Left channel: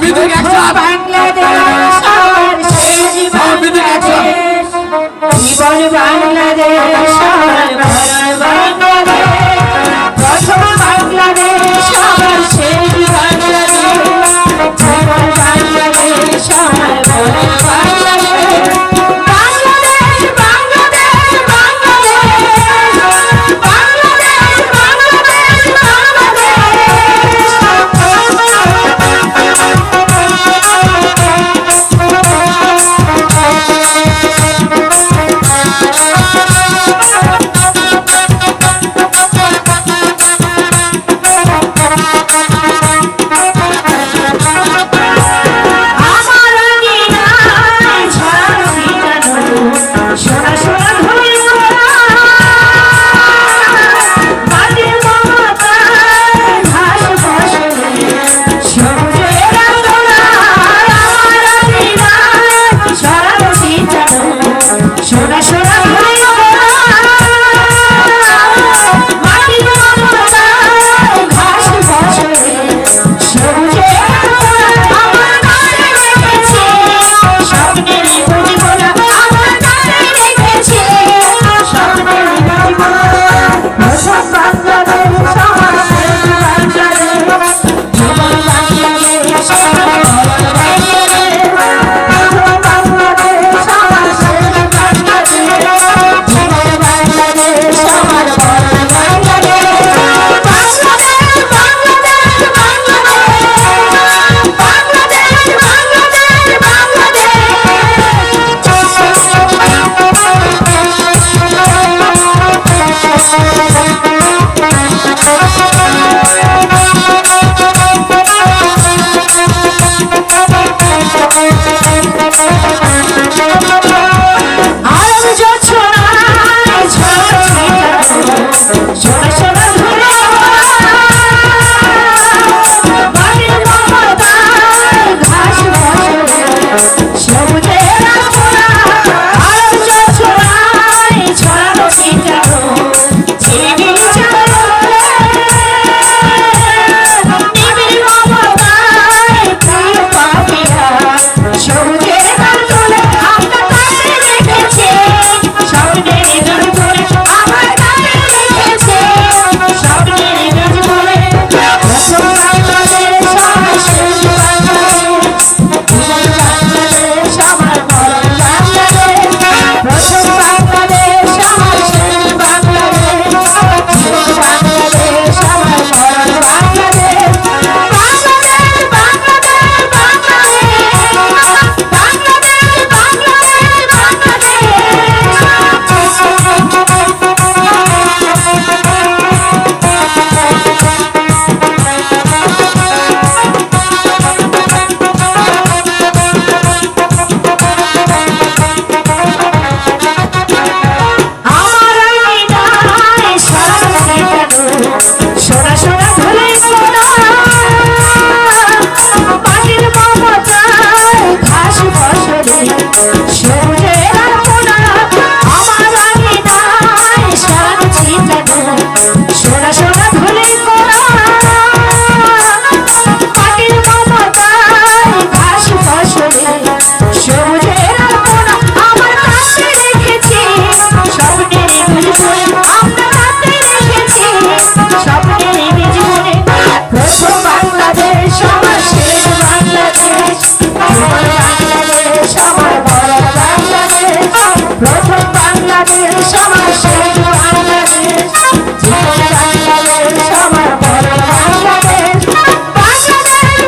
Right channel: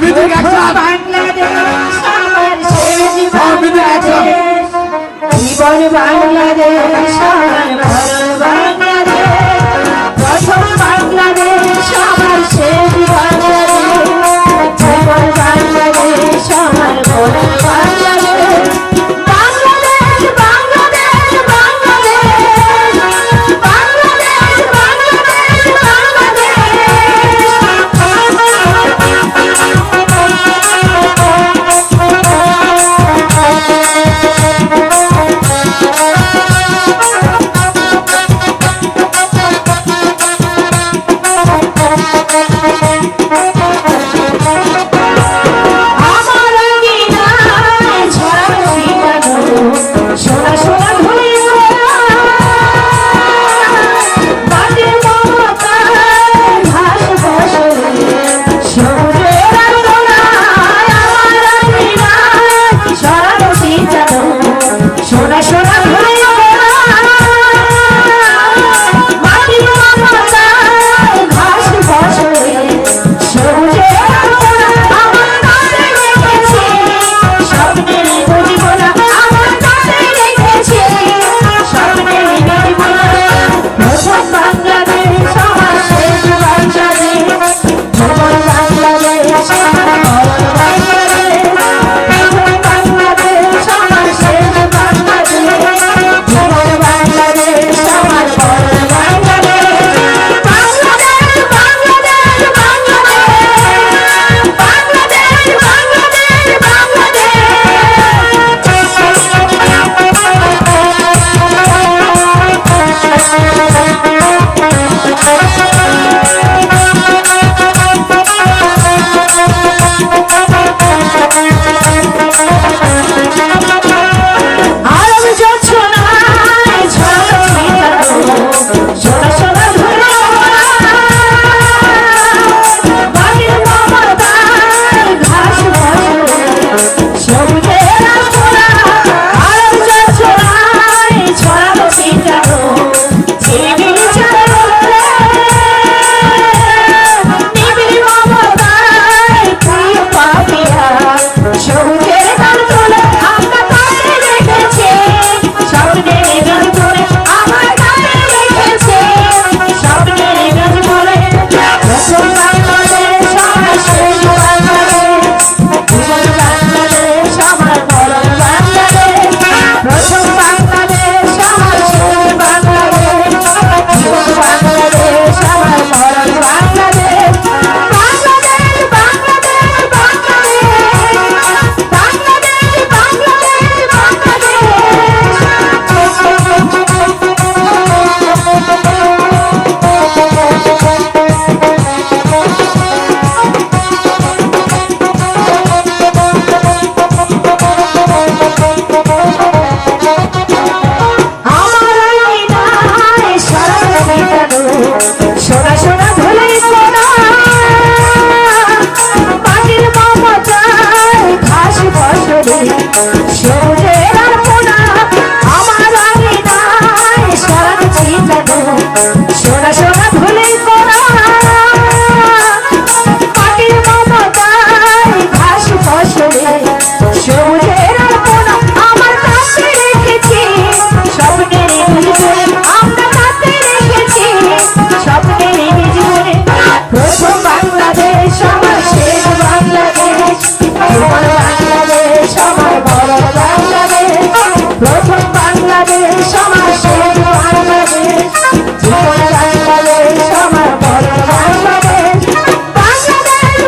Music action জীবন বাংলাদেশ আমার বাংলাদেশ প্রথম বাংলাদেশ আমার শেষ বাংলাদেশ জীবন বাংলাদেশ আমার বাংলাদেশ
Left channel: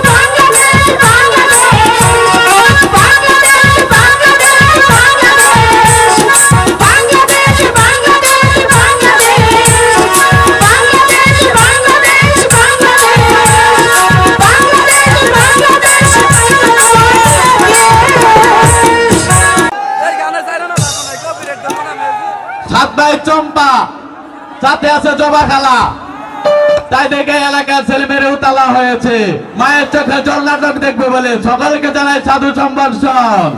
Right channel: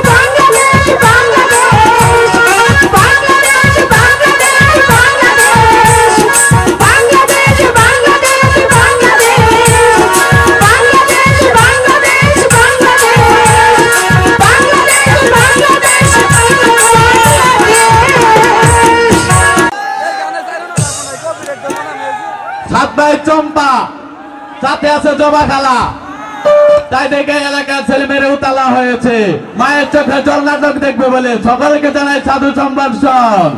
বাংলাদেশ বাংলাদেশ বাংলাদেশ বাংলাদেশ চম্পা সাথে আছে জবা খালা, তাই দেখে এলাকার ছেলে মেয়েরা উতালা হয়েছে মায়ের চোখে জল নাটক দেখবে বলে। সকলকে জানাই সাধু সম্ভাষণ।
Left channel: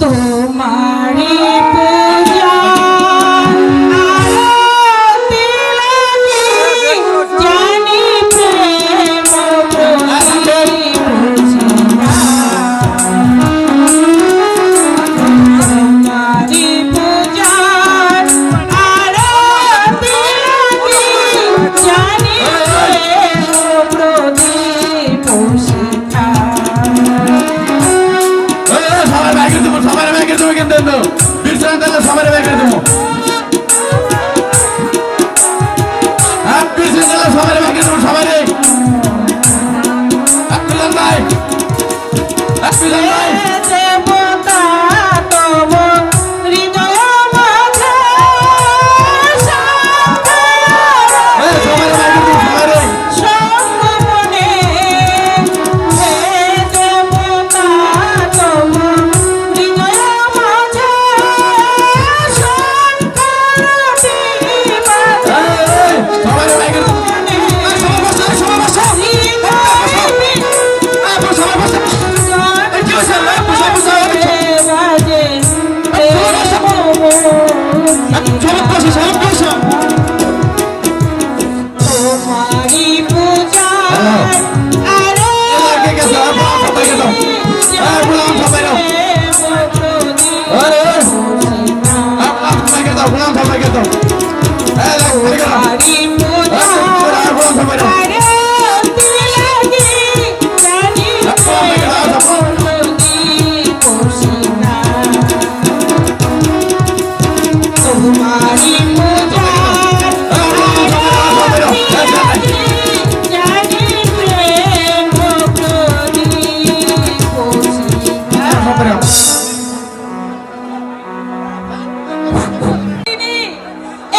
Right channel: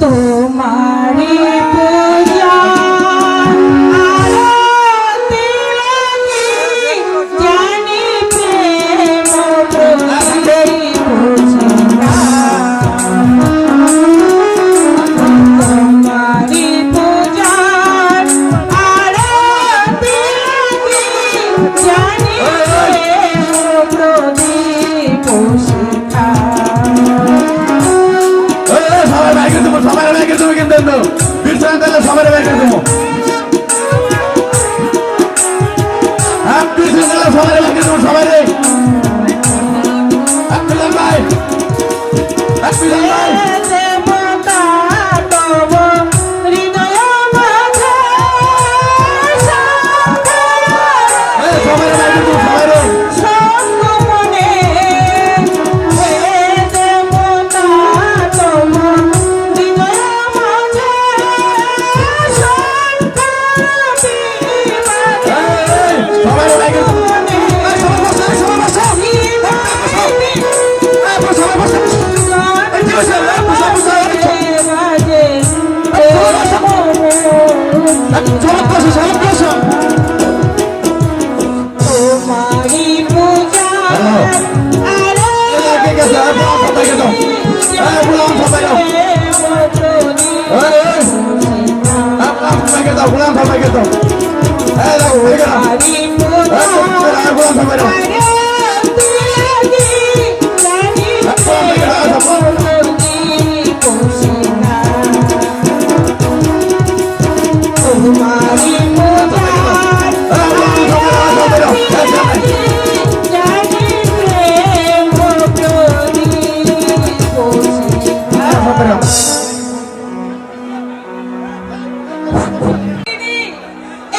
তোমারি পূজা জানি প্রেম শিখা সবাই বাইকে দেবো, সবাই বাইকে দেবো, কিন্তু বিশ্রাম দিলে সবাই বাইকে দেবো। বিশ্রাম দিলে সবাই বাইকে দেবো, সবাই ভাই ভাই দেবতা তব হৃদয় মাঝে সবাই বাইকে দেবো, সবাই সঙ্গমনে হে দেবতা তব হৃদয় মাঝে সবাই বাইকে দেবো। তোমারি পূজা তোমারি পূজা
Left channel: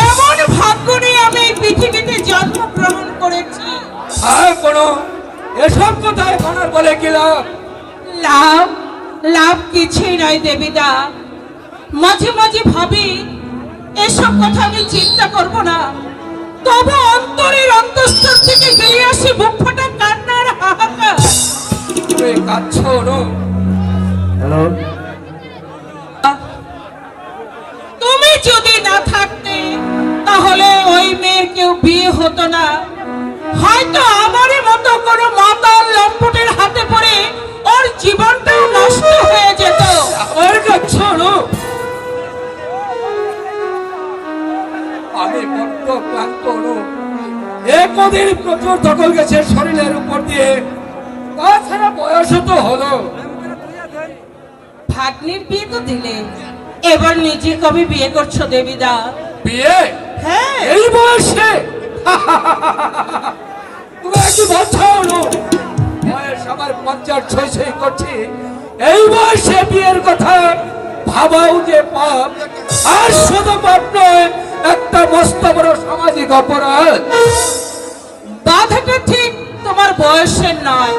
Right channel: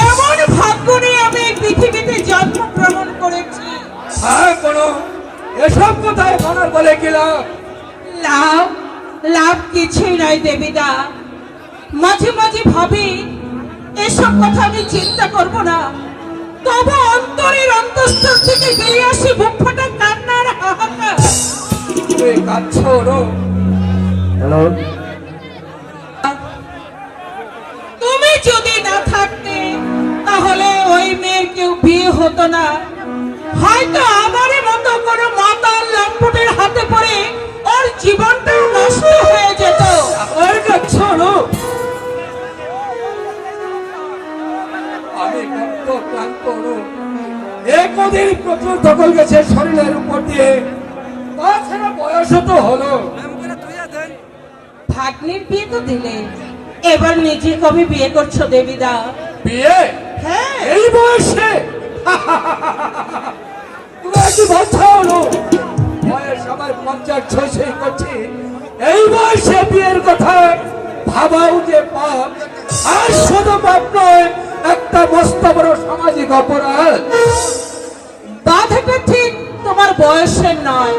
এমন ভাগ্য নিয়ে আমি পৃথিবীতে জন্মগ্রহণ করেছি। আর কোনো এসব কথায় মনে বলে কি লাভ? লাভ লাভ কিছুই নয় দেবীদা। মাঝে মাঝে ভাবি এসব কথা আমি চিন্তা করব না, তবু অন্তরের অন্তঃস্থল থেকে বেরিয়ে আসে বুক ফাটা কান্নার হাহাকার। তুই কাঁদছো নো? হ্যালো, তুমি যদি না থাকতে তাহলে ওই মেয়ের কেউ বিয়ে হতো না, হয়তো আমারই মতো কোনো মাতাল লম্পটের হাতে পড়ে ওর জীবনটাও নষ্ট হয়ে যেত। আর কাঁদছো নো? আমি বড্ড ক্লান্ত নো। একদিন প্রচুর দখল গেছে শরীরের উপর দিয়ে, তাছাড়া বয়স তো হলো। ভাগ্নির বিয়ে তো দিলে, এবার নিজে কবে বিয়ে করছো দেবীদা? বিয়ে হ্যাঁ, এই বয়সে? তুমি কি বলছো নো? বয়স আমার 50-56 করছি, এই বয়সে বিয়ের কথা ভাবাও যে পাপ। আর শুধু পাপ নয়, একটা মস্ত বড় সামাজিক অপরাধ। বাধাটা ঠিক তোমার বয়সের নয়,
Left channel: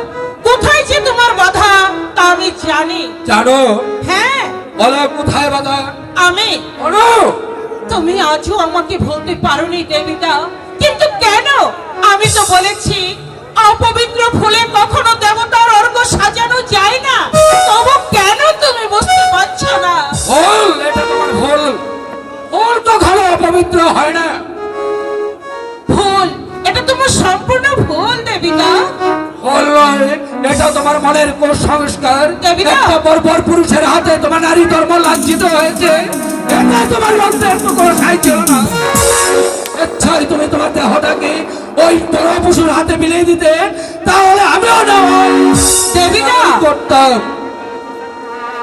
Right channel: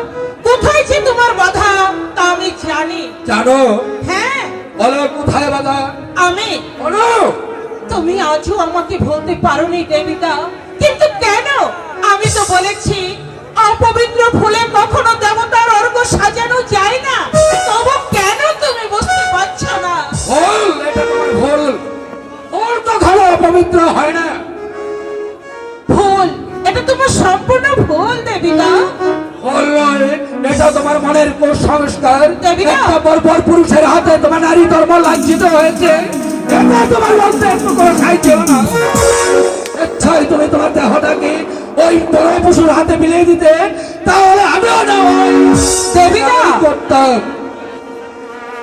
কোথায় যে তোমার বাধা তা আমি জানি। জানো? হ্যাঁ, বলো কোথায় বাধা? আমি বলো। তুমি আজও আমাকে বলতে পারোনি দেবীদা, কিন্তু কেন? আমি তো বলেছি অপবিত্র ফুলে কখনো দেবতার অর্ঘ্য সাজানো যায় না, তবু কেন তুমি বুঝতে পারছো না? ভুল, এটা তোমার ভুল। ভুল তো ঘরে অপবিত্র হয় না। ভুল, এটা তোমার সম্পূর্ণ ভুল দেবীদা। ভুল নয়, এটা তোমার মনের কুসংস্কার। দেবিকা! একটা বর্বর পুরুষের হাতে তোমার নারী ধর্ম লাঞ্ছিত হয়েছে, এটা তোমার মধ্যে একটু কোনো সাই ছিল না। ইচ্ছাই তুমি তোমার দেহটাকে ওই বড় পশুর হাতে বিলিয়ে দিতে, তাহলে আমিও না হয় দেবিকা! করতাম।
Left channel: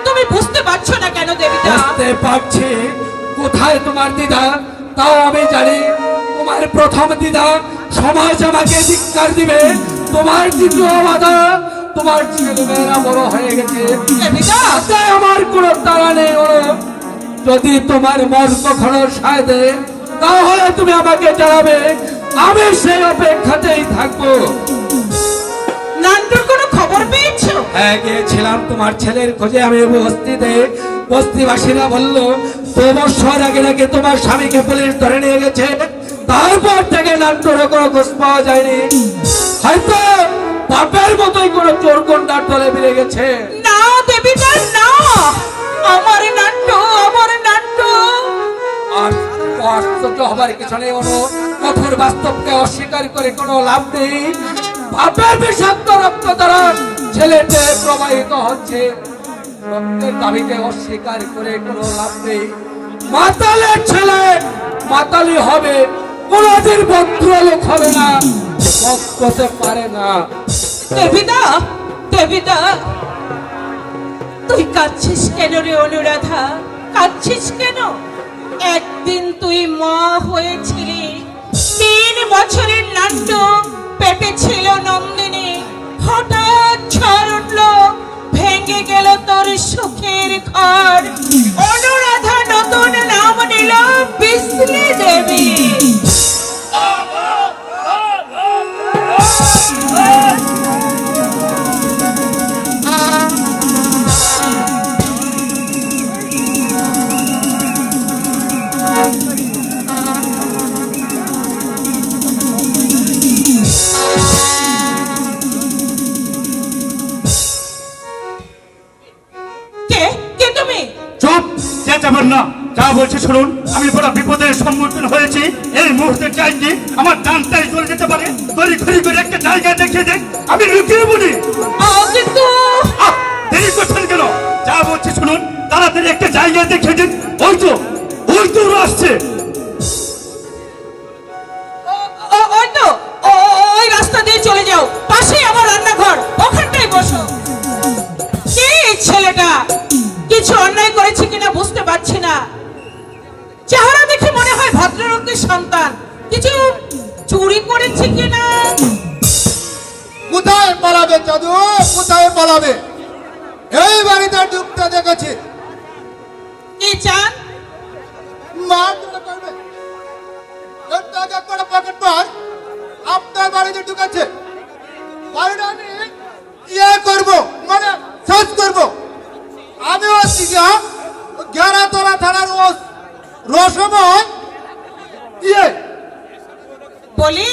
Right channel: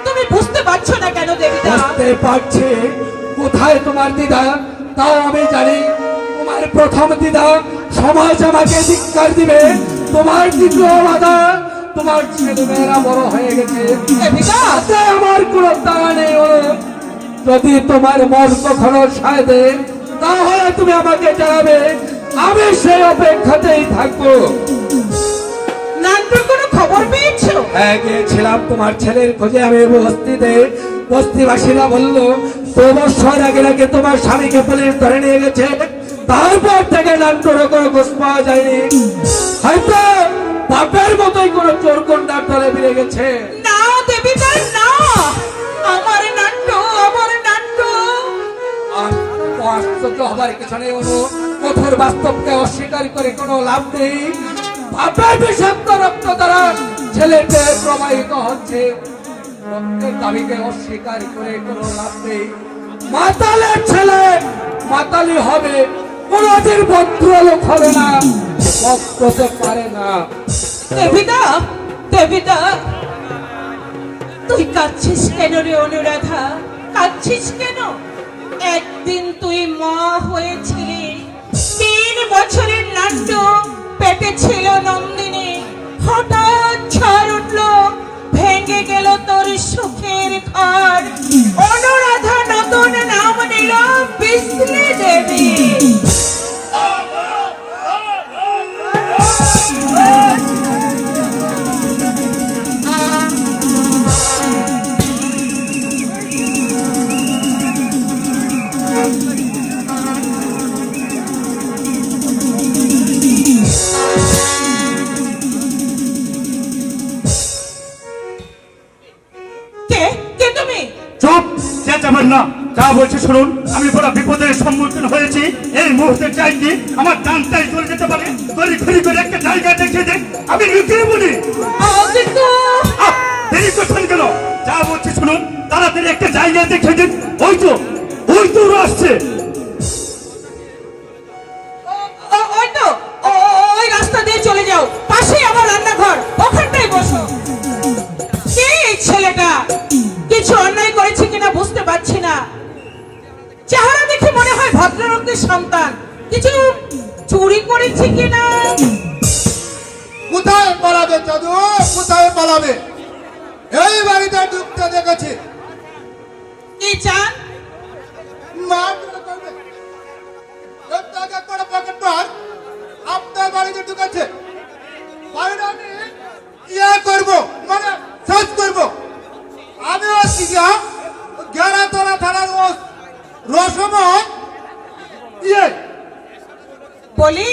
তুমি বুঝতে পারছো না কেন দেবীদা? বুঝতে পারছি কোথায় তোমার দ্বিধা, তাও আমি জানি। তোমার প্রথম দ্বিধা, সমাজ আমাকে ধিক্কার দিবে। তোমার দ্বিতীয় বাধা, তোমার ছেলেমেয়েরা বড় হয়ে গেছে, দেবীদা! তাতে আমার কোনো তাড়া নেই। যদি তোমার মন কখনো সায় দেয়, তাহলে তুমি আমাকে জানাবে, আমি সেই অপেক্ষাতেই থাকবো। নান্টুর কোনো খবর পেয়েছো? হ্যাঁ, গিয়েছিলাম তোমার ছেলের খোঁজে আমি বস্তিতে। বস্তিবাসীরা বললো 2 বছর আগে নাকি তোমার স্বামীকে পুলিশ ধরে নিয়ে গেছে, তারপর থেকে নান্টুর কোনো খোঁজ পাওয়া যায়নি। হয়তো বাপের মতোই কোনো চোর গুন্ডার দলে বেরিয়ে গেছে। না দেবীদা না, আমার নান্টু, আমার নান্টু। আর আশ্চর্য হবার কিছু নেই অনু, কঠোর বাস্তবকে অস্বীকার করে কোনো লাভ নেই। বাপের বিষাক্ত রক্ত দ্বারা ছেলেতে প্রবাহিত হচ্ছে, রক্তের দাবিকে অস্বীকার করে কোনো লাভ নেই। মাতালের ছেলে মাতালি হবে, কোনদিন ভদ্রলোক হবে না, ভক্ত হতে পারে না। দেবিদা, দেবিদা, তুই কাঁদছিস কেন রে অনুরাধা? কাঁদছিস কেন? একদিন তুই মা হয়েছিলি, 3 বছরের নাট্য পেটে ছিল নন্দিনী, হঠাৎ ঝড় উঠলো, ভেঙে গেল তোর সুখের ঘর। অনুরাধা নতুন নাম নিল বিষ্ণু দেবী। কে কে তুমি? চুপ, চেঁচাবেন না। যা বলছি শুনুন, আমি বড় বিপদের সম্মুখীন হয়েছি। এই মুহূর্তে চাই কি আমার ডানটাই চলে যেতে পারে। তরি তরি করে একটা জায়গা দেখিয়ে দেখ, আমি লুকিয়ে বলি। কিন্তু দেরি করছেন কেন? যা বলছি শুনুন, তাড়াতাড়ি একটা জায়গা দেখিয়ে দিন। ওই তো ওরা আসছে। ওই তো ওই রাস্তা দিয়ে চলে যাও, পাশেই আমার রান্নাঘর, ওখানটাই বসো। কে এই ছেলেটা? কিছু অন্যায় করেছে কিনা বুঝতে পারছি না। চেহারা দেখে মনে হয় ভদ্রলোকের সন্তান। কিছু চুরি করেছে কিনা? কোথায় পালাবে দাদু, কোথায় পালাবে? এই বাড়িতে ঢুকতে দেখেছি। কি চান? মার দিতে পারবে? এর টাকা করে পকেট মার আপনার বাড়িতে ঢুকেছে। বাড়িটা আমি ইয়ে করবো, মানে শেষ করবো। আমি হচ্ছি গেরাতলা থানার রসময় ইয়ে বলি,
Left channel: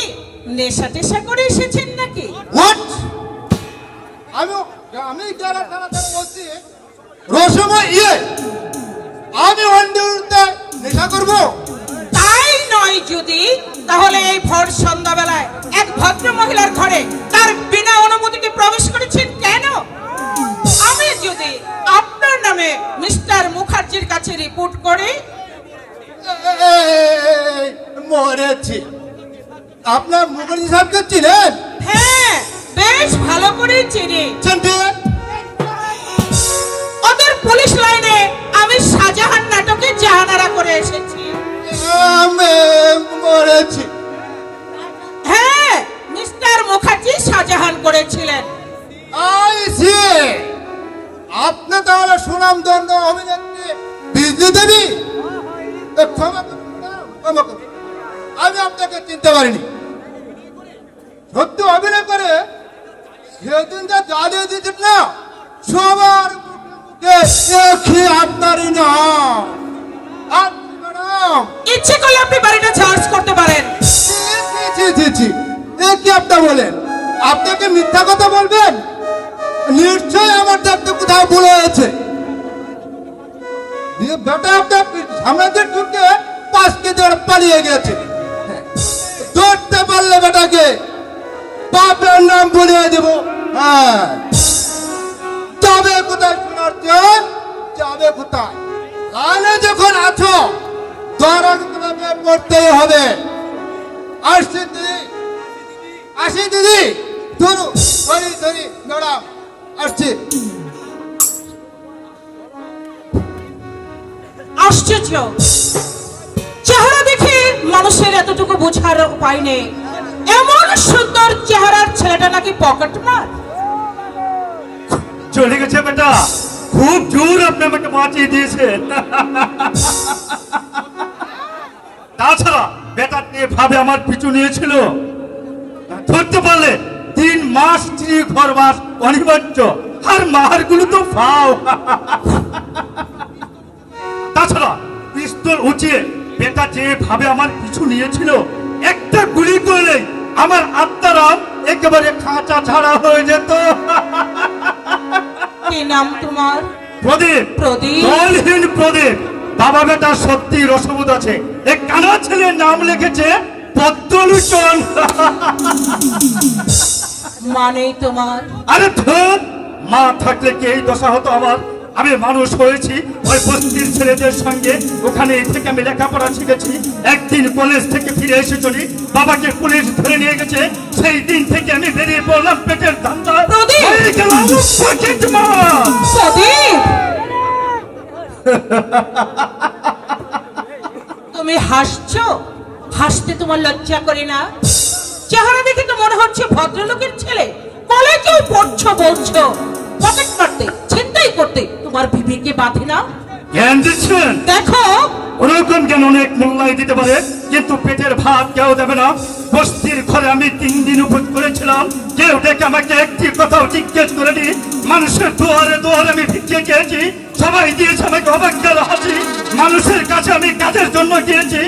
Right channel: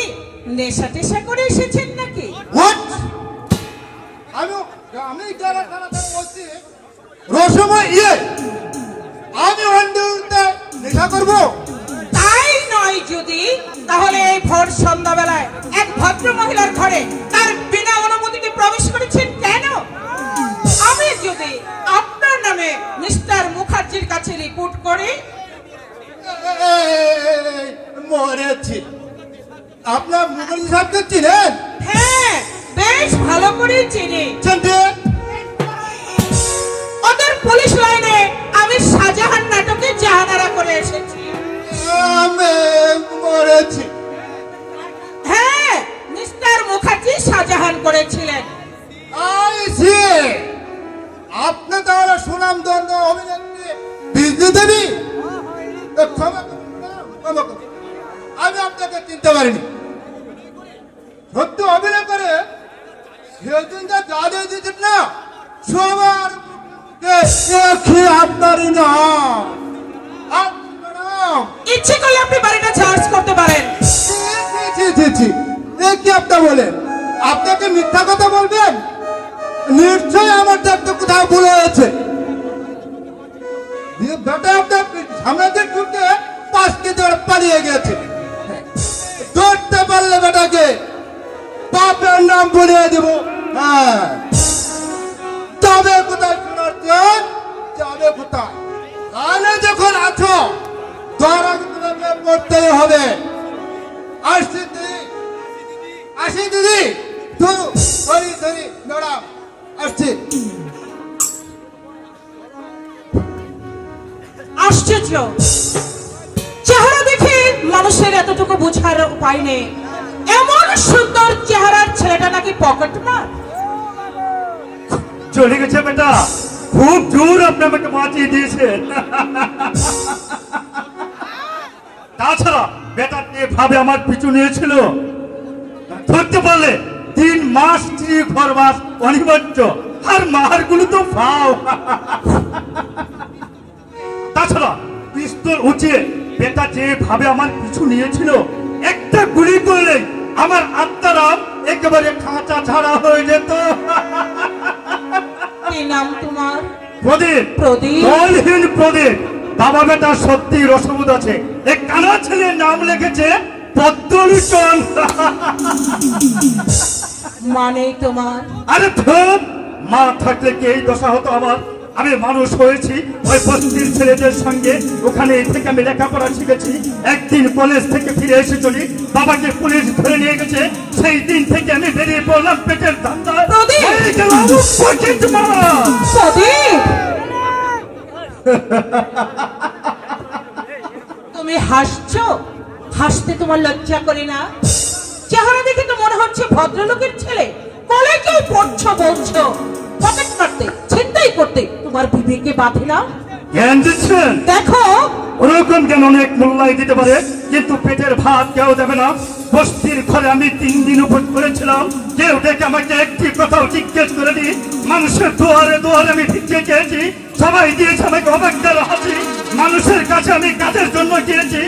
নেশা টেশা করে এসেছেন নাকি? হোয়াট? আমি গেরাতলা থানা বলছি রসময় ইয়ে। আমি ওয়ান্ডারতে নেশা করবো? তাই নয় যদি, তাহলে এই ভোর সন্ধ্যাবেলায় এক ভদ্র মহিলার ঘরে তার বিনা অনুমতিতে প্রবেশ করেছেন কেন? আমি যদি আপনার নামে মিস্টার মুখার্জির কাছে রিপোর্ট করি? মরেছি। আপনার মুখার্জি সাহেবকে চিনেন? হ্যাঁ, বেশ ভালো করেই চিনি। চিনতে? ওদের পুলিশ লাইনে আমি শাহজাহান নাটকে জাহানারা করে এসেছি। আমি মরেছি। হ্যাঁ, মিস্টার মুখার্জি শাহজাহান করেছিলেন। I see. আপনি তাহলে সুনাম ধন্য অভিনেত্রী বিষ্ণু দেবী। ক্ষমা করুন, ক্ষমা করুন। আমি আপনাকে চিনতে পারিনি। সত্য অভিনয় করে সেদিন যা জাদু দিতেন না, সবার মুখে আপনারই নাম। ইচ্ছে করলে আপনি বাড়িটা চার্জ করতে পারেন। কি আপনি বলেন? আপনাকে মিথ্যা কথা বলবেন? নিশ্চয়ই আমার দেখতে কোথাও ভুলে আছে। বেটা আপনার সামনের ঢুকে 5 কেজি পালিয়ে গেছে। ধরতে পারলে বেটাকে বাপের নাম বলিয়ে দেব। হ্যাঁ, যাবে কোথায় শোনাচ্ছেন? যাবে কোথায়? কানে যখন আছো ধরন তোমাকে পড়তেই হবে। আসছি দিদি, ধরি ম্যাডাম, আসছি। আশ্চর্য, চেহারা দেখে মানুষের এতটুকু বোঝার উপায় নেই। এমন সুন্দর চেহারার ছেলেটা নাকি পকেট মার। চলে গেছে বেটা, খুব জোর আপনি আমাকে বাঁচিয়ে দিয়েছেন। তাছাড়া বেটা এভাবে আমার পিছু নিয়েছিল, ধরতে পারলে 3 মাস 3 ঘরবাস অনিবার্য, আর মারগুলো তো ফাও। তাছাড়া পিস্তল উঁচিয়ে বেটা যেভাবে আমার পিছু নিয়েছিল, একটা গুলি করলে আমার আত্মারা একেবারে খাঁচা ছাড়া হয়ে যেত। কি নাম তোমার? প্রদীপ। প্রদীপ? দলহীন প্রদীপ। বাবা বেটা সত্যি রসবোধ আছে। এক কানা ছেলের নাম লিখেছে পদ্মলোচন। মানেই তোমার? আরে ধর, মা থাকলে কি এই দশা হতো আমার? আমি মানুষ হয়েছি ওই বস্তির ছেলেদের সঙ্গে, ওখানে থেকে আমি লেখাপড়া শিখেছি। একদিন কলেজ থেকে ফিরে এসে চলি, বাবাকে পুলিশ ধরে নিয়ে গেছে। সেই দিন থেকে আমি বেরিয়ে পড়লাম পেটের ধান্দায়। প্রদীপ! হয়ে গেলাম পকেটমার। প্রদীপ, তুমি হাসছো? হাসতে তোমার লজ্জা করে না? চেহারা দেখে তো মনে হচ্ছে ভদ্রলোকের ছেলে। কলেজেও পড়ছো বলছো, পকেট মারতে, ছিনতাই করতে তোমার বিবেকে বাঁধে না? জ্ঞান দিচ্ছেন? দেখো, ওরকম যেন অনেক মূল্যায় দিতে পারে, কিন্তু পেটের ভাত কেউ দেবে না। বস্তির ঘরে আমি 3 দিন উপোস করেছিলাম, কেউ দেখে আমাকে একটি কথাও জিজ্ঞেস করেনি। মানুষের দুয়ারে দুয়ারে আমি ভিক্ষে খেয়েছি, সবাই দিয়েছে আমাকে অবাক্যার হাসি। মানুষের কাছে আমি কাজের জন্য গিয়েছি,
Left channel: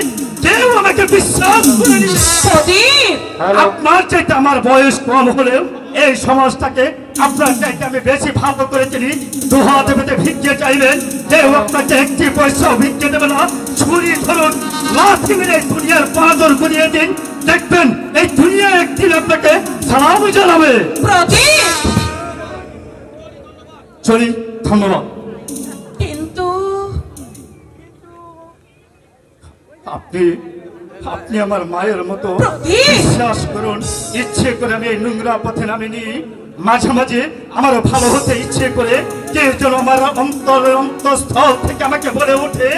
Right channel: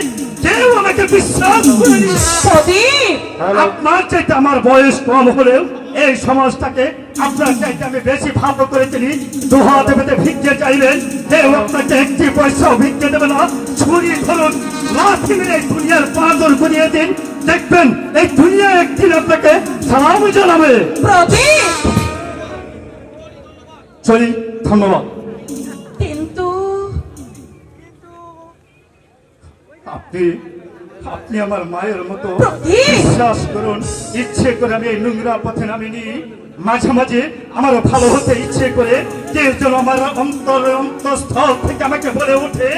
কেউ আমাকে বিশ্বাস করেনি। প্রদীপ, আপনার চাইতে আমার বয়স কম হলেও এই সমাজটাকে আপনার চাইতে আমি বেশি ভালো করে চিনি। দুহাতে পেতে ভিক্ষে চাইবেন, কেউ আপনাকে একটি পয়সাও ভিক্ষে দেবে না। ছুরি ধরুন, লাঠি মেরে এই দুনিয়ার পাঁচর করিয়ে দিন, দেখবেন এই দুনিয়া একদিন আপনাকে সালাম জানাবে। প্রদীপ, চলি, ধন্যবাদ। কিন্তু আপনি আপনি আমার মায়ের মতো। প্রদীপ! বিশ্বাস করুন, ইচ্ছে করে আমি এই নোংরা পথে নামিনি। মাঝে মাঝে আমার ভালো হতে ইচ্ছে করে কেউ যেন আমার অন্তরের অন্তঃস্থল থেকে আমাকে বলে ওঠে,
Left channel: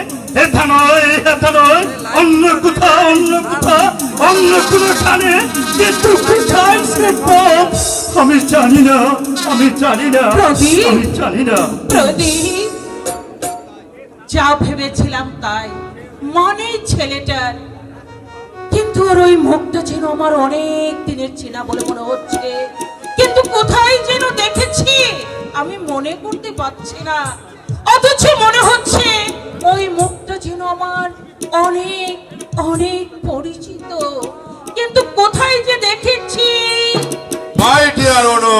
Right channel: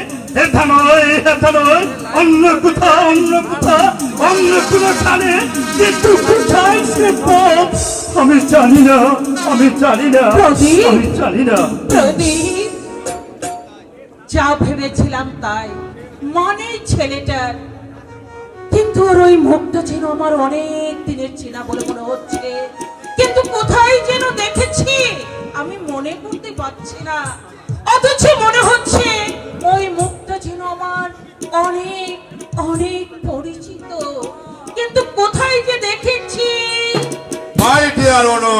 এটা নয়, এটা নয়, অন্য কোথাও, অন্য কোথাও, অন্য কোনো খানে, কিন্তু কোথায় সে পথ আমি জানি না, আমি জানি না, প্রদীপ! আমি জানি না। প্রদীপ, যা ভেবেছিলাম তাই, মানে ছেলেটার, কিন্তু ওর ওই মুখটা যেন আমার অনেক দিনের চেনা বলে মনে হচ্ছে, কিন্তু কোথায় যেন দেখেছি আমি মনে করতে পারছি না। অথচ মনে হচ্ছে ওই মুখটা যেন আমার অনেক অনেক পরিচিত, কিন্তু কোথায় যে দেখেছি। মাই ডিয়ার অনু,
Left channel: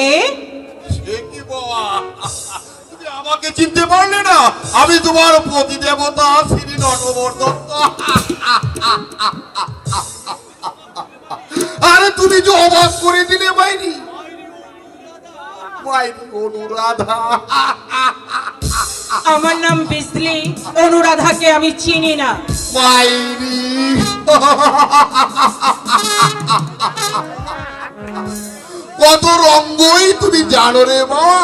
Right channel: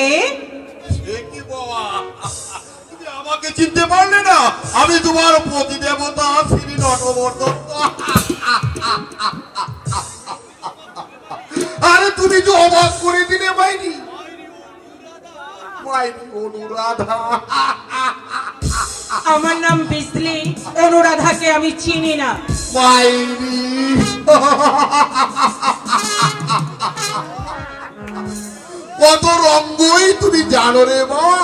এ সে কি বাবা, তুমি আমাকে চিনতে পারলে না? আমি তোমার প্রতি দেবতা শ্রী নটবর্ধন। আরে তুমি যে অবাক করে দিলে মাইরি, মাইরি অনুরাধা। আমার নাম বিজলি, অনুরাধাকে আমি চিনি না। মাইরি কত রঙ্গই তুমি জানো রে বাবা।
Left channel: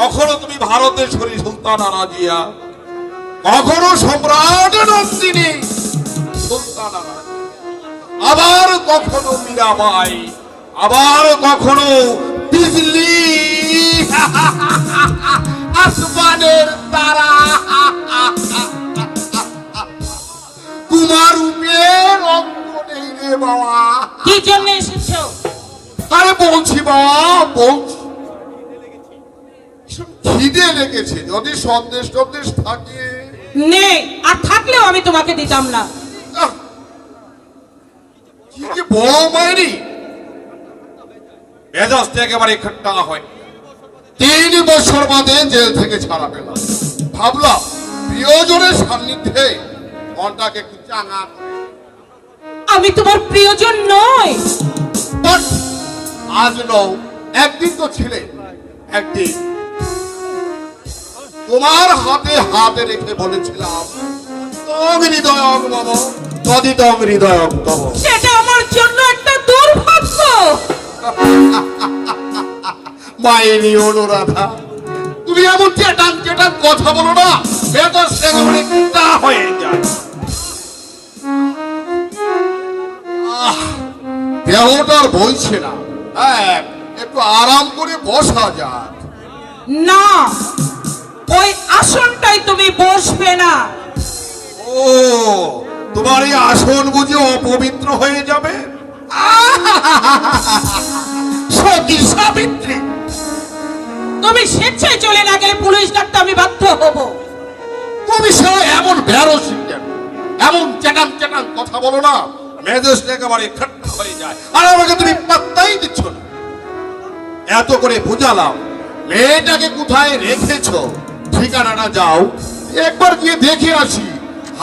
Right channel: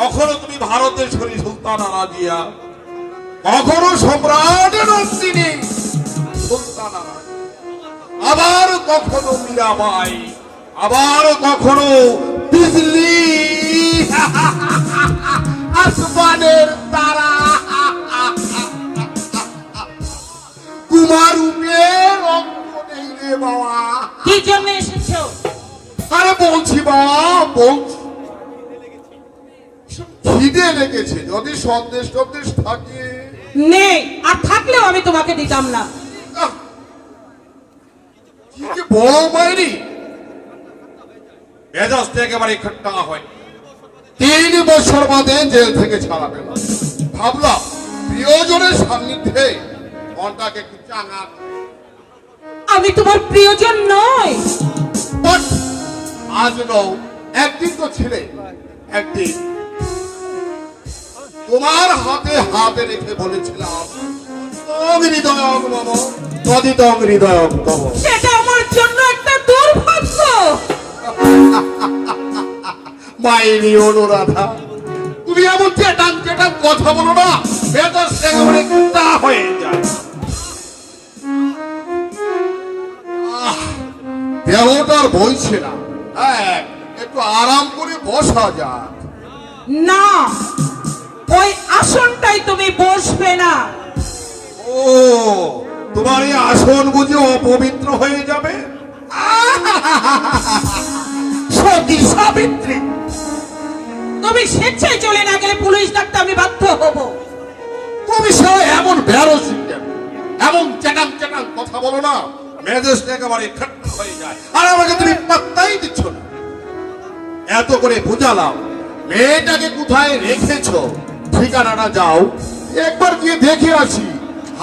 কখনো তুমি ভারতেশ্বরী সুলতানা রাজিয়া, কখনো সম্রাট নন্দিনী সুলতানা, আবার কখনো মীরাবাই, আবার কখনো বিজলি আসমানের তারা। তোমার রূপের অঙ্গ নেই রে বাবা। কি জন্য এসেছো? আরে বলছি বাবা, বলছি খিদে লেগেছে, যদি সন্দেশ টন্দেশ থাকে। নেই, আর থাকলেও আমি তোমাকে দিতাম না। আহ, কি যে বড় মাইরি, মেজাজটা একেবারে খাট্টা হয়। 3 বছর বাদে জেল থেকে ছাড়া পেল, ভাবলাম প্রিয়জনের সান্নিধ্যে মনটাকে একটু চাঙা। আমি তোমার প্রিয়জন নই। বাট আজ নও, একদিন তো ছিলে। একদিন তোমার হাতে হাতে রেখে বলেছিলাম, তং হৃদয়ং মম তদিতং হৃদয়ং তব। সেটা আমার জন্য একটা দুর্ভাগ্য। মাইরি অনুরাধা, তুমি এমন চেটান চেটান কথা বলো না, এটা সেকেবারে কুটা হয়ে যায়। দেহটার বইছে না, হ্যাঁ একটু আরাম করে বসা যাক। না, ওই আসনটাই তুমি বসবে না। ও, তোমার এই আসন বুঝি অপবিত্র হয়ে যাবে? সতী সাবিত্রী, তুমি স্বেচ্ছায় চলে না গেলে পুলিশ ডাকতে আমি বাধ্য হব। তুমি সে এমন বেরোসি কেন? এমন চেটান চেটান কথা বলো না, মেজাজটা একেবারে ঠাট্টা হয়ে যায়। আর আমাকে তুমি পাত্তাই দিচ্ছ না। এত করে বুঝালাম, মেয়েটাকে কোথায় রেখেছো, ঠিকানাটা যাও, একবার গিয়ে দেখে আসি।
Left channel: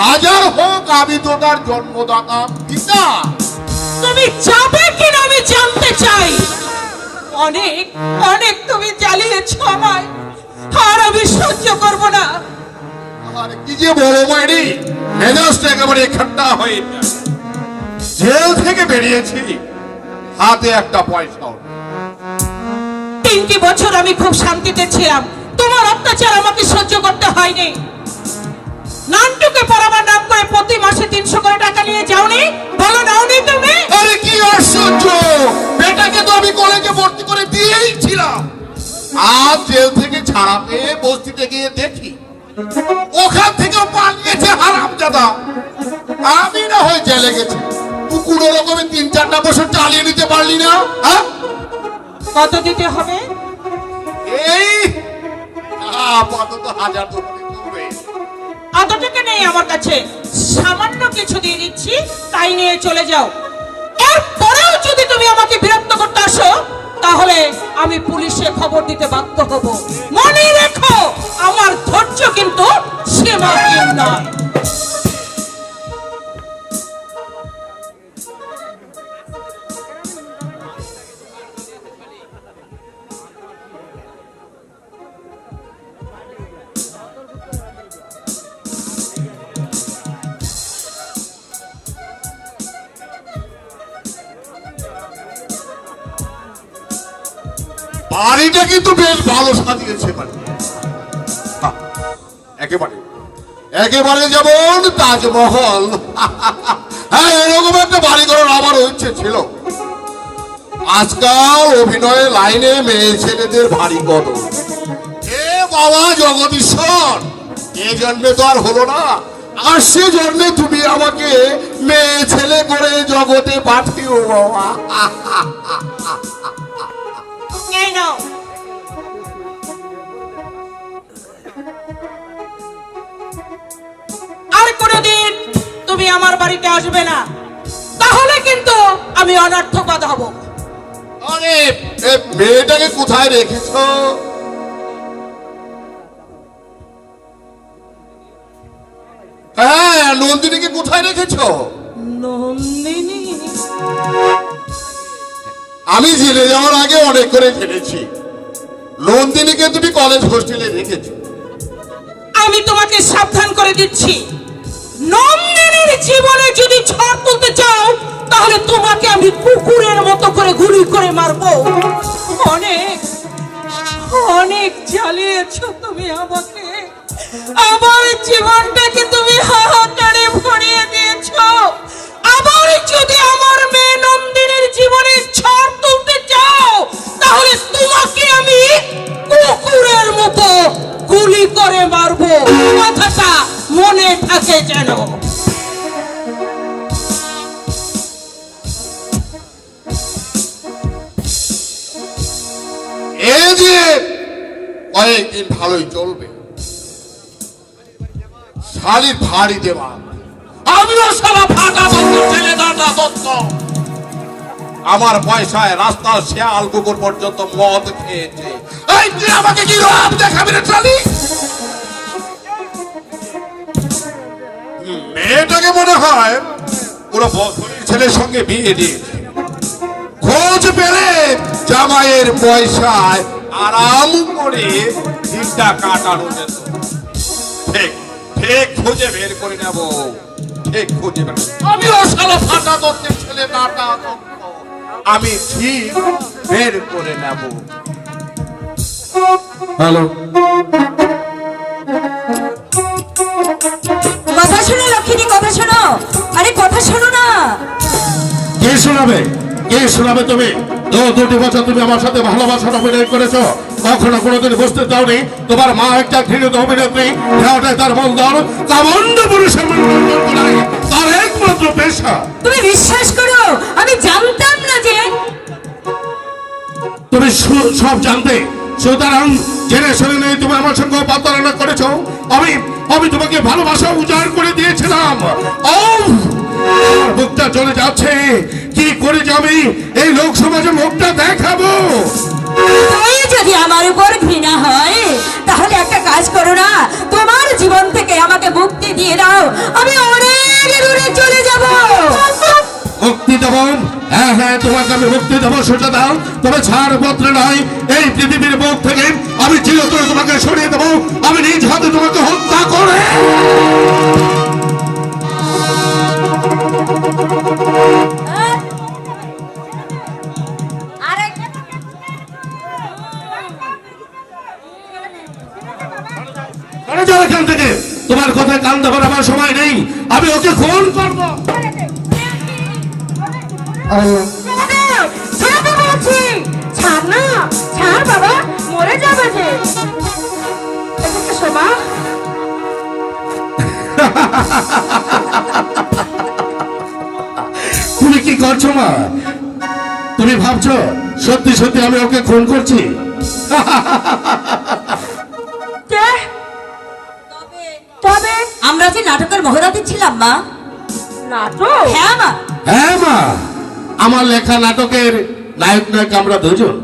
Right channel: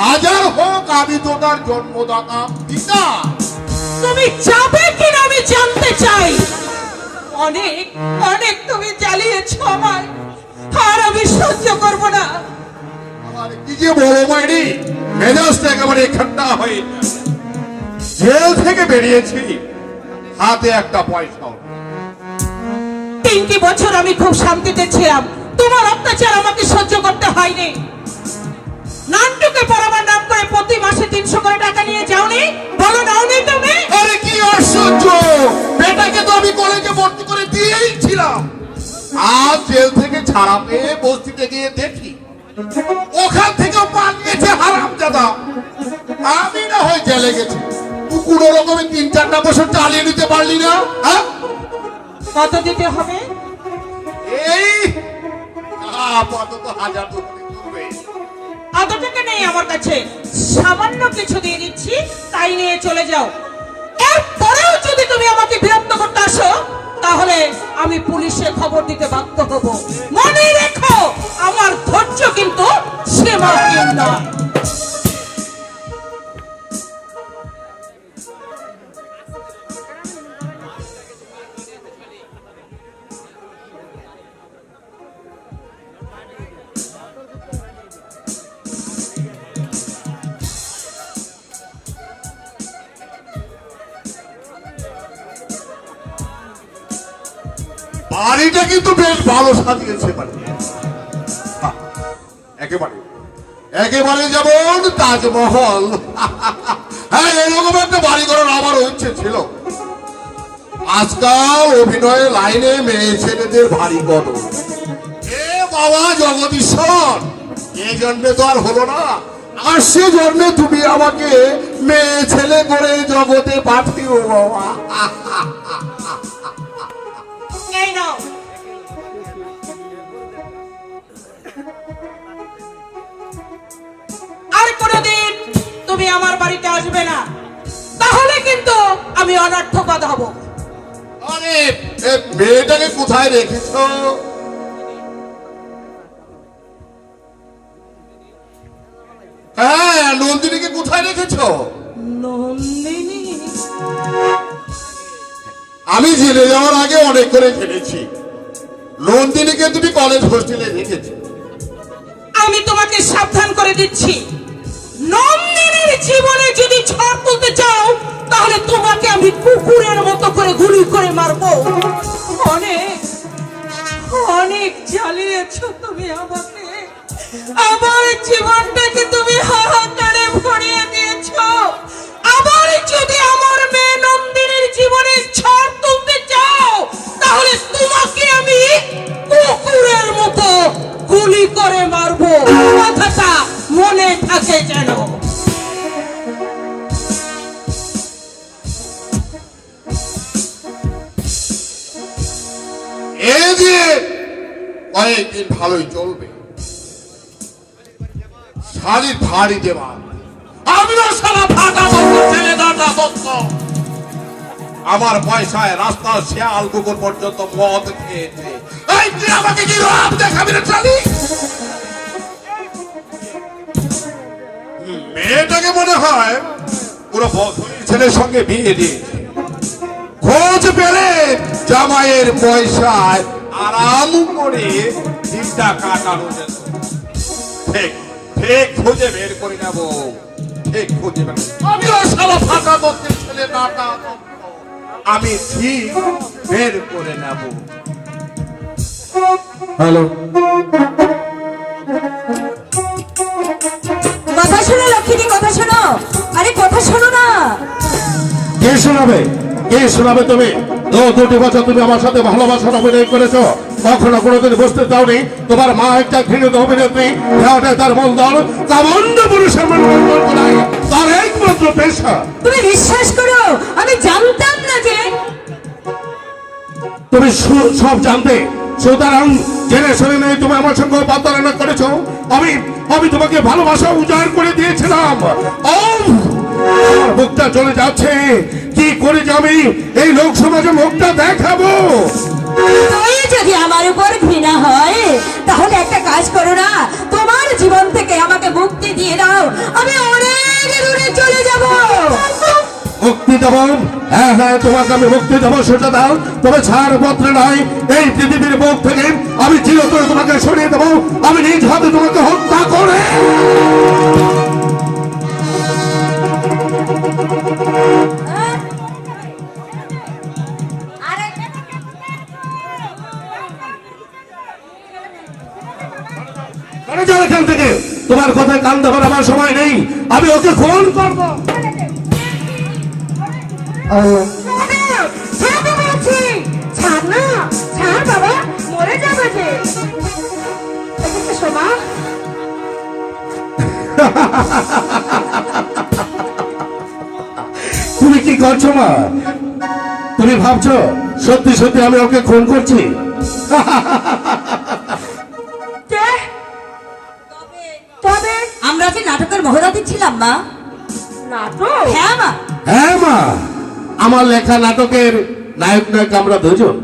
হাজার হোক আমি তো তার জন্মদাতা পিতা। তুমি যাবে কিনা আমি জানতে চাই। অনেক অনেক তুমি জ্বালিয়েছো আমায়, আর আমি সহ্য করব না। আর কি যে বলো মাইরি, মেজাজটা একেবারে ঠান্ডা হয়ে গেছে। জেল থেকে বেরিয়েছি, হাতে একটা পয়সাও নেই। 3টি বছর আমি খুব শান্তিতে ছিলাম, তোমার অত্যাচার আমাকে সহ্য করতে হয়নি। নানটুকে পড়াবার নাম করে প্রতি মাসে 300 করে টাকা নিয়ে যাওনি, বলো নাওনি তুমি? আরে কি আশ্চর্য, বেটাকে তো আমি কলেজে ভর্তি করে দিয়েই ছিলাম। আজ জেল থেকে ছাড়া পেয়ে বস্তিতে গিয়ে দেখি ওখান থেকে পালিয়েছে হারামজাদা। আমি না হয় জেলে গেছি, তুই কোনো রকমে 3-4টা বছর চালিয়ে নিতে পারলি না? হ্যাঁ, কত দিতে হবে? এই আপাতত 1000 টাকা দিবে। অত টাকা নেই আমার কাছে, সামান্য কিছু দিয়ে দিচ্ছি, তাই নিয়ে চলে যাও। এরপরেও যদি তুমি আমাকে বিরক্ত করতে আসো, তাহলে আমি পুলিশে খবর দিতে বাধ্য হব। মনে রেখো, আমার ধৈর্য কিন্তু সীমাহীন নয়। বাড়িটা কিন্তু বেশ ভালো সাজিয়েছে বাড়ি। একেবারে একেবারে যেমন তাজমহল। হ্যাঁ, এরকম একটা বাড়ি করার আমারও ইচ্ছে ছিল। আজকাল অভিনয়ের লাইনে মেয়ে ছেলেদের ভারী কদর। এ বাবা জগদীশ্বর, এ জন্মে তো আর হলো না, আর সে জন্মে তুমি আমাকে মেয়ে ছেলে করে জগতে পাঠিও বাবা। এই নাও। আর কোনদিন তুমি আমার বাড়িতে আসবে না, তাহলে কিন্তু আমি অনর্থবাদ হব। আরে এ মেয়েটাকে কোথায় রেখেছো? হ্যাঁ, নন্দিনীকে কোথায় রেখেছো? নন্দিনী? আমি জেলে যাওয়ার আগে অনেক করে জেনেছি নন্দিনীকে তুমি কলেজ হোস্টেলে রেখেছো। আমি তোমাকে সাবধান করে দিচ্ছি, নন্দিনীর জীবনে যদি ঝড় তুলতে চাও, তাহলে তোমাকে আমি কুকুরের মতো করে গুলি করে মারবো। অনেক অনেক জ্বালিয়েছো তুমি আমাকে, আমার জীবনটাকে তুমি হাহাকারে ভরিয়ে দিয়েছো। আবার যদি আমার মেয়ে নন্দিনীর জীবনে ঝড় তুলতে চাও, তাহলে তোমাকে আমি কুকুরের মতো গুলি করে মারবো। কথাটা মনে থাকে যেন। এই যে কয়েকদিন ভালোই চলবে, শালি ভারী দেওয়া আমিও সারা ফাঁকা ছেলে দাদা দত্ত। আমার পয়সায় রাস্তার শেয়াল কুকুর পর্যন্ত মদ খেয়েছে। এই তুই আমাকে কি রাম দেখাবি রে শালি? মেয়েটাকে মনে হয় পুরো ছেলের সঙ্গে বিয়ে দিয়েছে। খোঁজ পেলে জামাইয়ের পয়সায় আরাম করে দিনটা কাটানো যেত। ঠিক ঠিক খুঁজে বের করে নেব, ঠিক খুঁজে বের। আমিও সারা ফাটা দত্তের ছেলে নাটা দত্ত, আমি ঠিক বের করে নেব। হ্যালো, কথা শোনো লক্ষ্মী, কথা শোনো। আরে কথা শোনো না। কে শোনাবে? কে শোনাবে? তুমি 2 বছর তুমি আমার সাথে ভালোবাসার অভিনয় করেছো, কখনো কোনোদিন বুঝতে দাওনি তোমার মা একটা ঘৃণিত অভিনেত্রী, তার মন দল কামন্দ পুরুষের মনোরঞ্জন করায় তার একমাত্র পেশা। তুমি বিশ্বাস করো, আমি জানতাম না যে তুমি সব জানতে, সুতরাং জেনে শুনে নেই তুমি আমার সঙ্গে প্রতারণা করেছো। আমি তোমাকে ভালোবাসা উজাড় করে দিয়েছিলাম। মুখটা চলে যাচ্ছে, কি করে যে আমি এই লোক সমাজে মুখটা দেখাবো? তুই যদি আমার উপর ঘৃণা হয়, তাহলে একটা কাজ করো না, তোমার জীবন থেকে আমাকে মুক্তি দিয়ে দাও, আমি অনেক দূরে চলে যাব। মুক্তি দেব। হ্যাঁ হ্যাঁ, তোমাকে আমি মুক্তি দেবো, সেটা দাও। তবে ছাড়পত্র নয়, এই পৃথিবীর বুক থেকে আমি চিরতরে তোমাকে সরিয়ে দেবো। আমি নিজ হাতে তোমাকে হত্যা করে যাও এখান থেকে। তোমার কথায় কান দেবার আমার সময় নেই। আমি ওকে খুন করবো। তুমি কি করছো মা? তুমি ভাবছো সত্যি সত্যি আমি ওকে খুন করছি? তবে আমরা যে নাটকের মহড়াতে ছিলাম মা। নাটক? হ্যাঁ মা। হ্যাঁ মা, আমার লেখা নাটকের নায়ক নায়ক আমরা দুজন,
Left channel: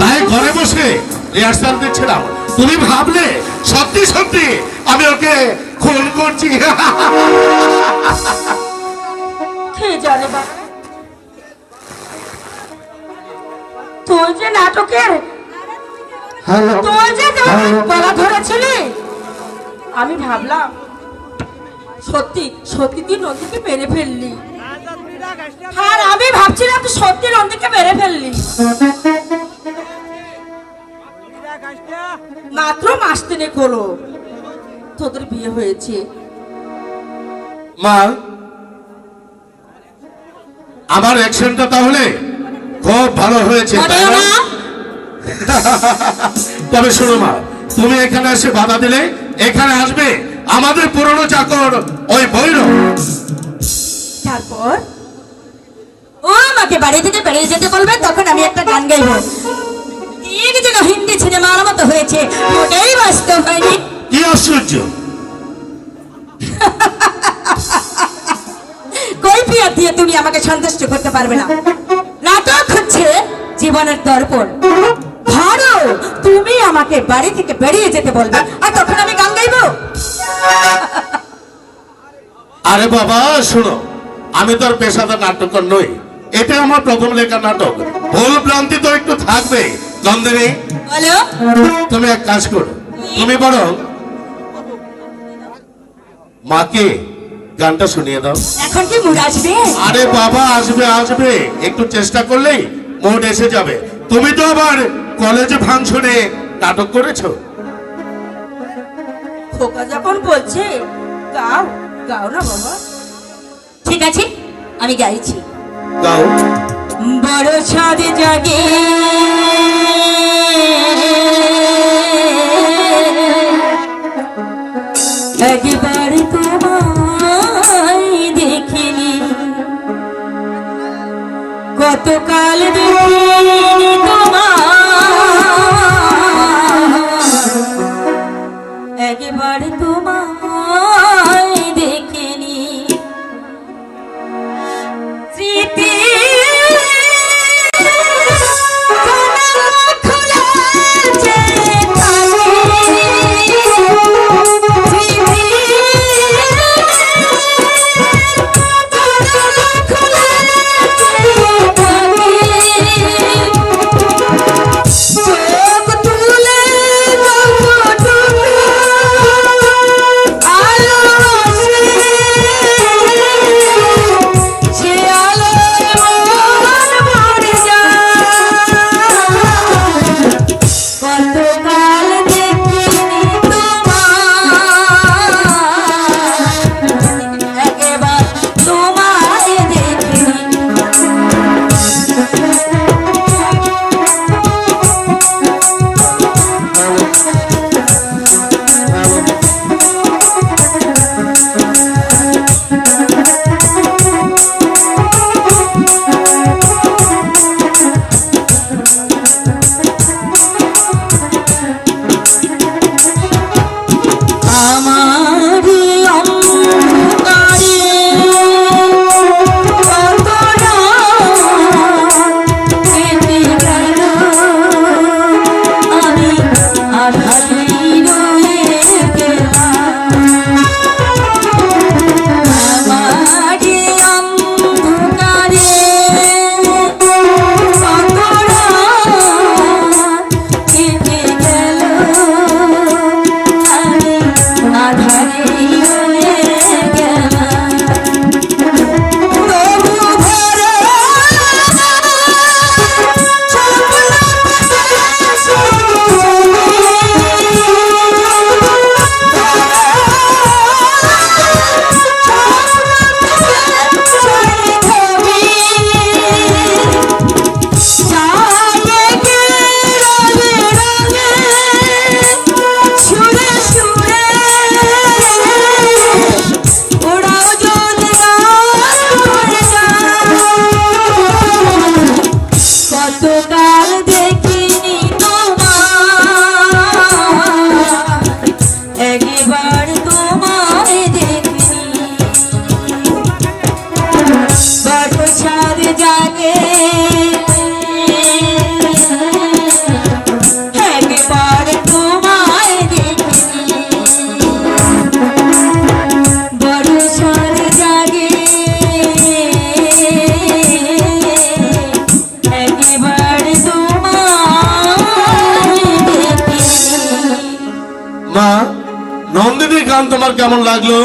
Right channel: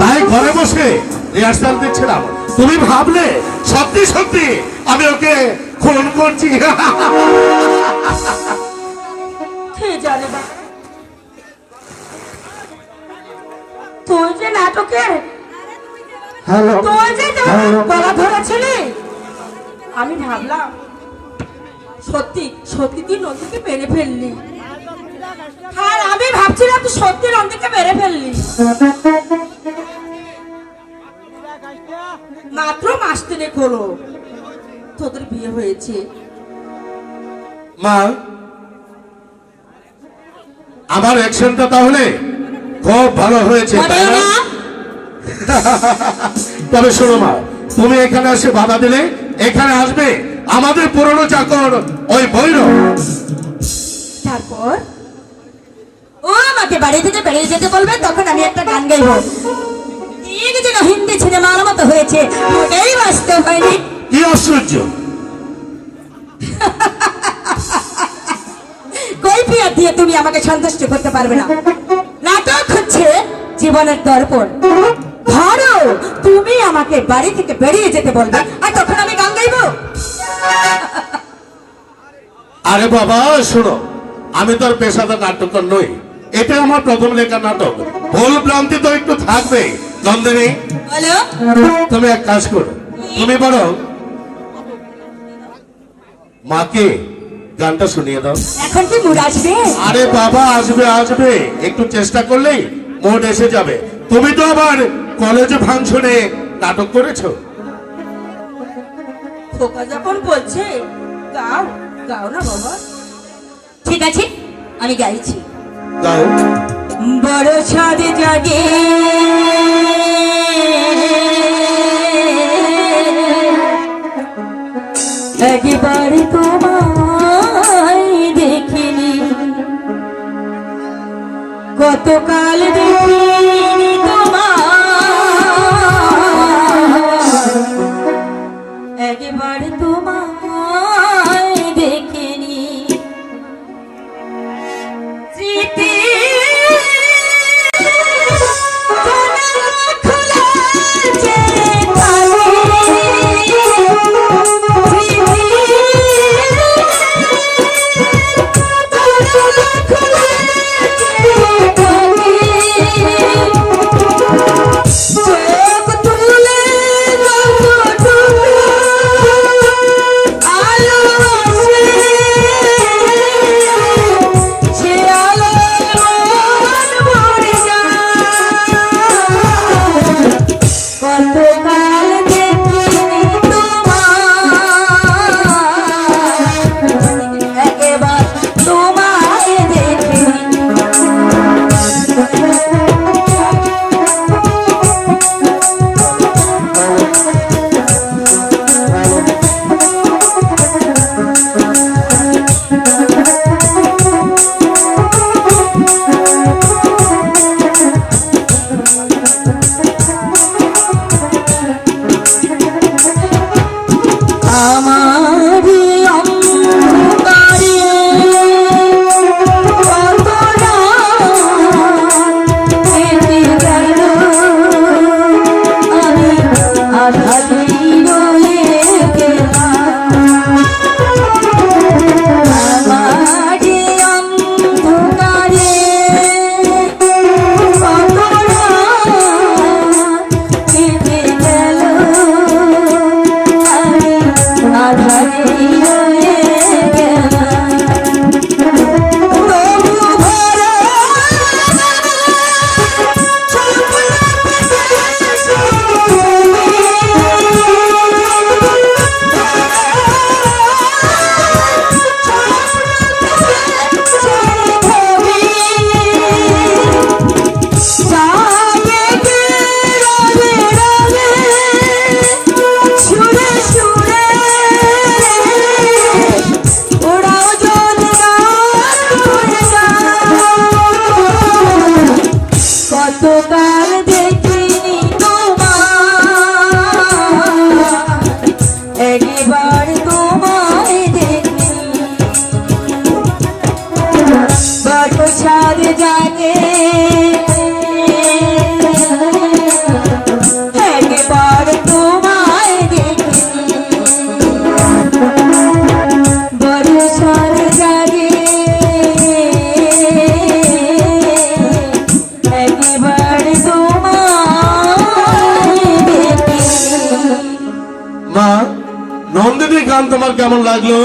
তাই ঘরে বসে রিহার্সাল দিচ্ছিলাম। তুমি ভাবলে সত্যি সত্যি আমি ওকে খুন করছি? কে জানে বাবা, তুই যে নাটকের হ্যালো, তুই যে গলা ধরেছিলি, আমি ভাবলাম সত্যি সত্যি তুই নন্দীকে মেরে ফেললি। আর আমি ভাবছিলাম তুই সত্যি নন্দীকে মেরে ফেললি। মাত্র মাস তিনেক হলো তোদের বিয়ে হয়েছে। মা, আমার অ্যাকশনটা তাহলে খুব ভালো হয়েছে, তাই না? তবে শোনো মা, তুমি এখানে এসে বাধা দিলে এখানে আসবে আমাদের পুরনো চাকর ওই ভৈরব। তারপর ও আমাকে বাড়ি থেকে বেরিয়ে যেতে বলবে, তখন আমি একটা গান গাইবো। এক যেন হিন্দি সিনেমার মতো হয়েছে, ওটাই বাস্তব হয়নি। কি আশ্চর্য! কৈফিয়ত দিয়ে তুমি আমাকে সন্তুষ্ট করতে পারবে না। নাটক হচ্ছে জীবনের দর্পণ। ধরো তুমি আমাকে বাড়ি থেকে বেরিয়ে যেতে বলবে, আর তখন আমি গান গাইবো। আরে বাবা শোনো, আমি তো আর পেশাদার নাট্যকার নই। এটা আমার প্রথম লেখা নাটক, ভুল ভ্রান্তি তো একটু থাকবে। নন্দিনী, বলো। তুমি এক কাজ করো, তুমি বরং মাকে গানটা শুনিয়ে দাও। এখন কি মুড আসবে? আরে বাবা আসবে আসবে, একটু চেষ্টা করলেই মুড এসে যাবে। তুমি তো আবার কলেজে ফাংশনে নাটক করেছো। খোকা যখন বলছে গাও, গাও না বাবা। ঠিক আছে, আমি গাইছি। গাও। বড় ছাদ জাগে একবার তোমায় দেখিনি, কতকাল দেখিনি তোমায়, একবার তোমায় দেখিনি। স্মৃতি মা, নন্দিনী গান তোমার কেমন লাগলো?